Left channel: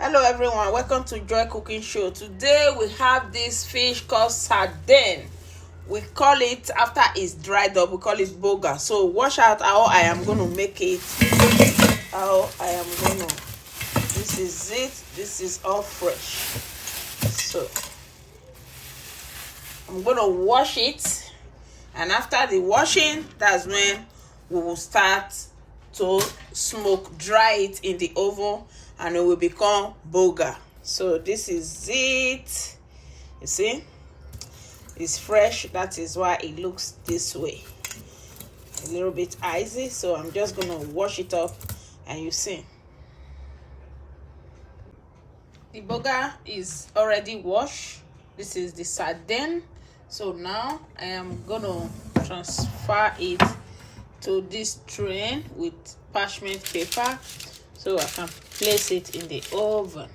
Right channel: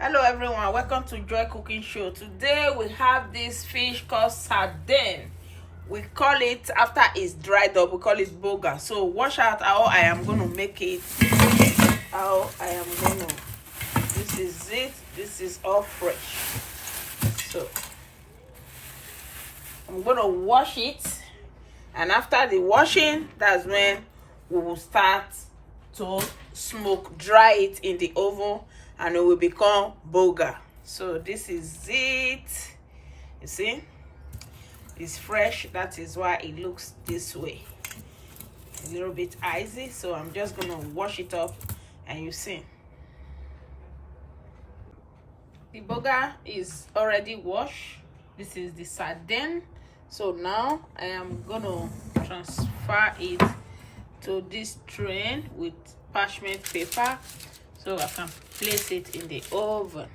Hello everyone, welcome to Joy Cooking Show. Today we have this fish called sardine. We call it, after it's dried up, we call it Bonga. So watch out how I am going to make it. This is it. This is all fresh. So I'm going to wash it, and after the washing, that's when we will start to dry it in the oven, and it will become Bonga. So this is it. You see, it's fresh. That is why it looks this way, a little bit icy. So I'm just gonna wash it up, and you see the Bonga is already washed. This is the sardine. So now I am gonna transfer it to this tray with parchment paper, so I can place it in the oven.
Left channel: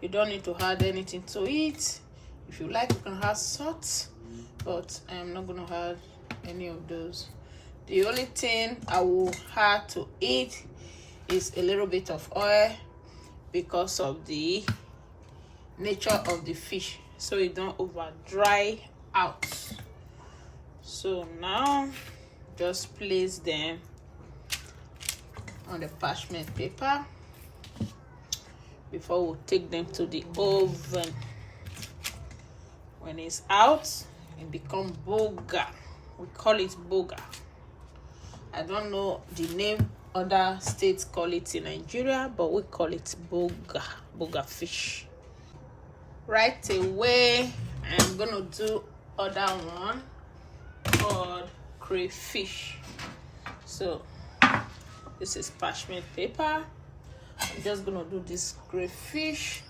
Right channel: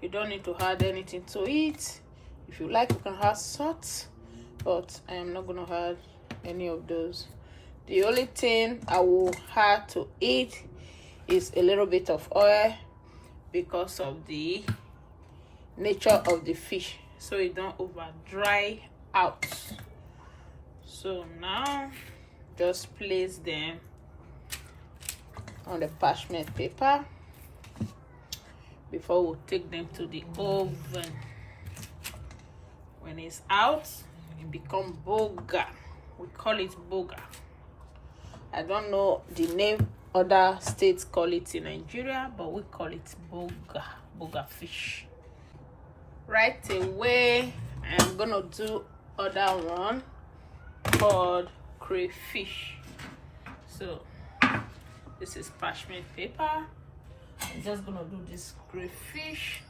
You don't need to add anything to it. If you like, you can add salt, but I am not gonna add any of those. The only thing I will add to it is a little bit of oil, because of the nature of the fish, so it don't over dry out. So now just place them on the parchment paper before we take them to the oven. When it's out, it becomes Bonga. We call it Bonga. I don't know the name other states call it in Nigeria, but we call it Bonga fish. Right away, I'm gonna do other one called crayfish. So this is parchment paper. I'm just gonna do this crayfish.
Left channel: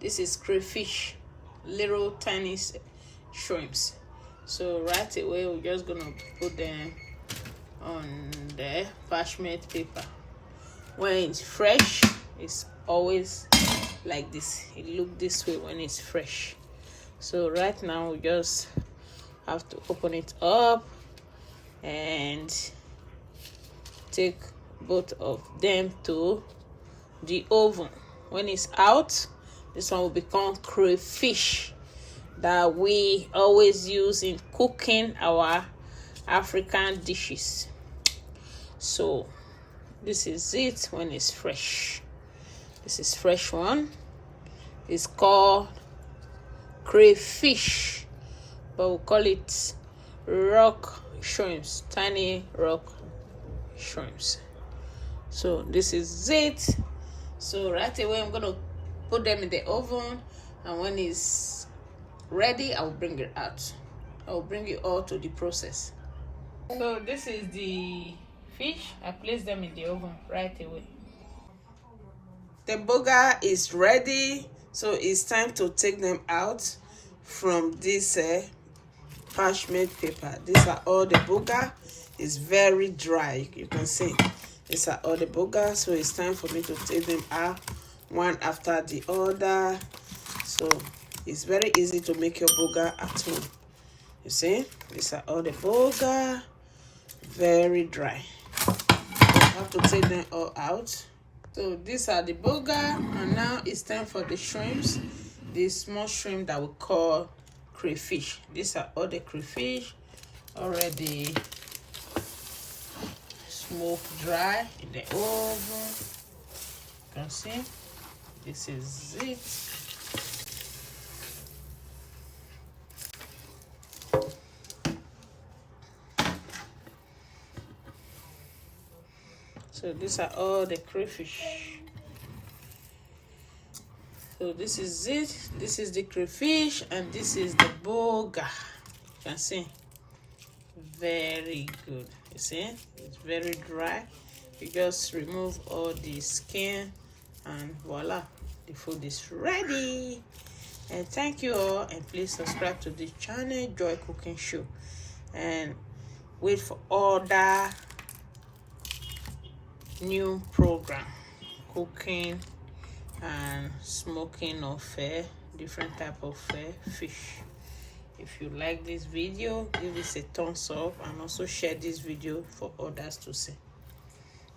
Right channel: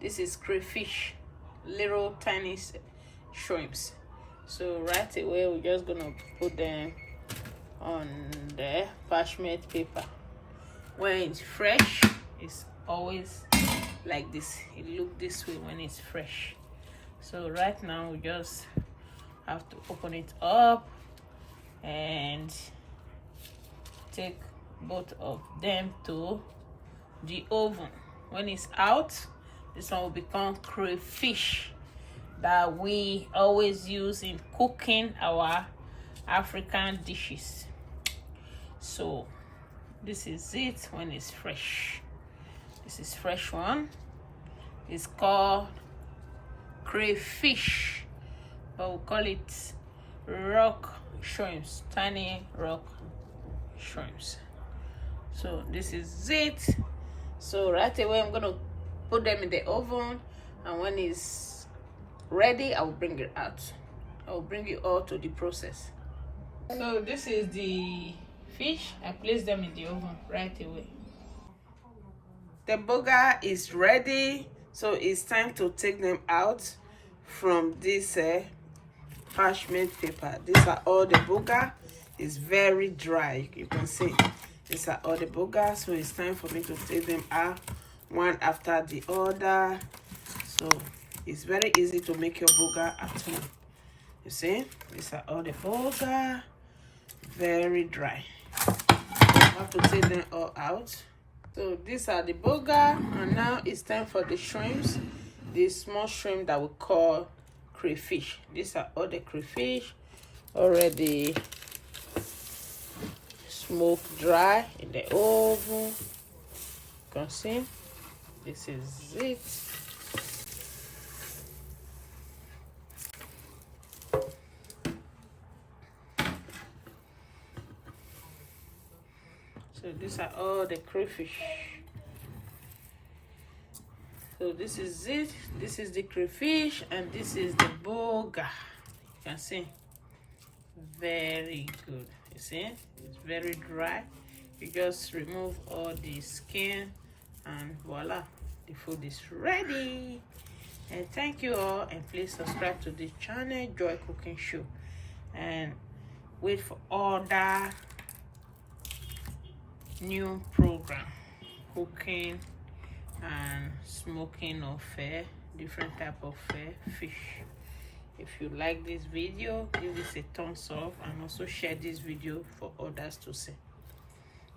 This is crayfish, little tiny shrimps. So right away, we're just gonna put them on the parchment paper. When it's fresh, it's always like this. It looks this way when it's fresh. So right now, we just have to open it up and take both of them to the oven. When it's out, this one will become crayfish that we always use in cooking our African dishes. So this is it when it's fresh. This is fresh one. It's called crayfish, but we call it rock shrimps, tiny rock shrimps. So this is it. So right away, I'm gonna put them in the oven, and when it's ready, I will bring it out. I will bring you all to the process. So this is the fish. I place them in the oven right away. The Bonga is ready, so it's time to take them out from this parchment paper. These are all the Bonga. It's very dry, you can see. These are all the Bonga, so it's time for me to take them out one after the other. So it's very easy to make your Bonga at home. You see, these are all the Bonga, very dry. You have to take them all out. So these are the Bonga, and now it's time for the shrimps, the small shrimp that we call crayfish. These are all the crayfish already smoked dry in the oven. You can see, this is it. So these are all the crayfish. So this is it. This is the crayfish, and this is the Bonga. You can see, very good. You see, it's very dry. You just remove all the skin, and voila, the food is ready. And thank you all, and please subscribe to this channel, Joy Cooking Show, and wait for other new program, cooking and smoking of different type of fish. If you like this video, give this a thumbs up, and also share this video for others to see.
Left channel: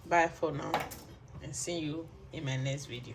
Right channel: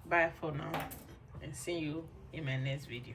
Bye for now, and see you in my next video.